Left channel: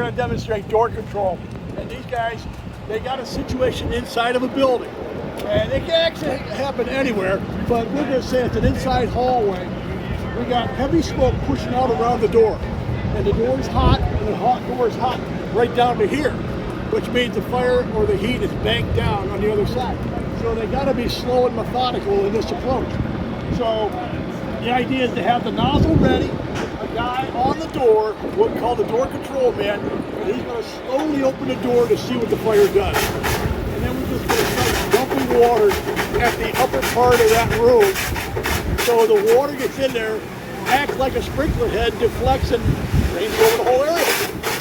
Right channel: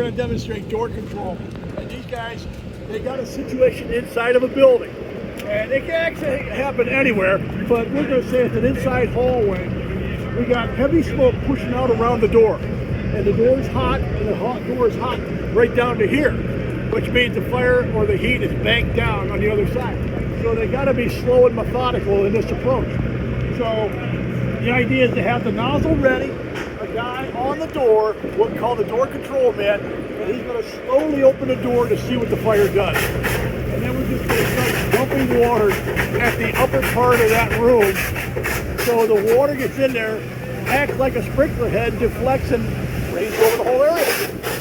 going to demonstrate door control. And these guys, they got a situation inside of a building. And it can actually happen anywhere, but we're going to say it's an inside hallway. We got heavy smoke pushing out around the door. And the door is hot, and the hot door is hot right down to here, which means the fire or the heat is banked down on the other side. So they got to be slow and methodical in this approach. So the idea is to have the nozzle ready, a guy on the door, what we call the door control man, and he's going to slowly open the door to see what the fire does. And then we're just going to start dumping water at the upper part of that room, so the water gets in there, acts like a sprinkler head, deflects, and rains over the whole area.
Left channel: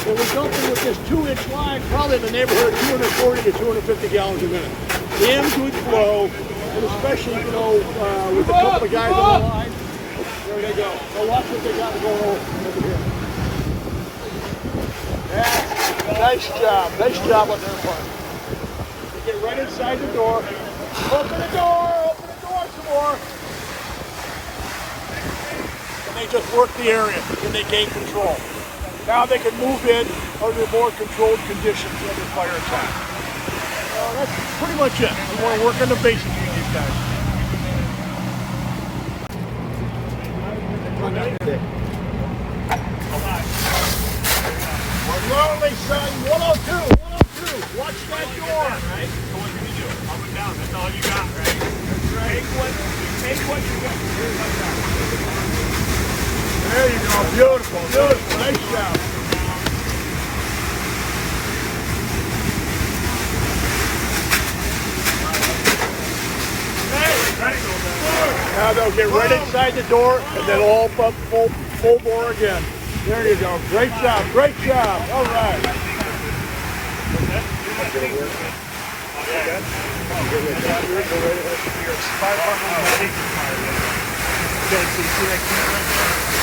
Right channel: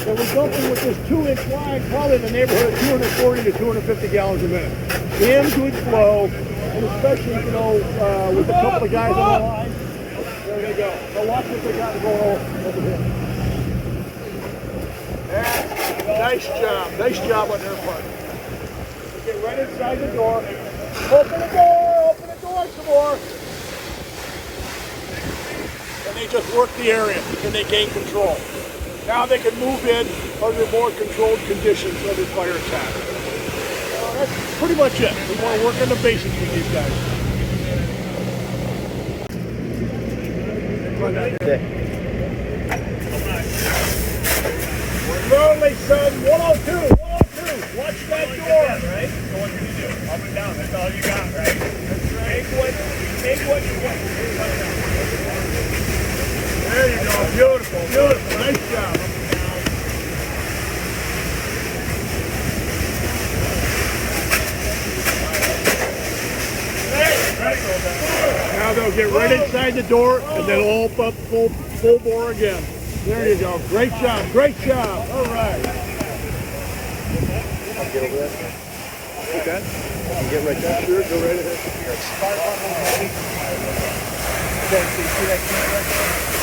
And we're dumping with this 2-inch line, probably in the neighborhood of 240 to 250 gallons a minute. Damn good flow, and especially, you know, with a couple of guys on the line. There they go. Now watch what they got going on over here. That's nice job on their part. They get right inside the door. Open the door some more. And they just work the area and they gain control. Now they can move in under more controlled conditions under fire attack. That's pretty much it. We want to work on the basics with these guys. Run down here. We're rolling, son. 102. Watch that door. Right? So what do you do? Up and down. That's all you got, right? That's right. Take what you got. There you go. Beautiful. Nice job. Now they'll get right inside the door and then all up full bore again. There you go. Great job. All right. I'll get over there. Okay. I can get right next to it. Go right over there. Okay, so you see that camera?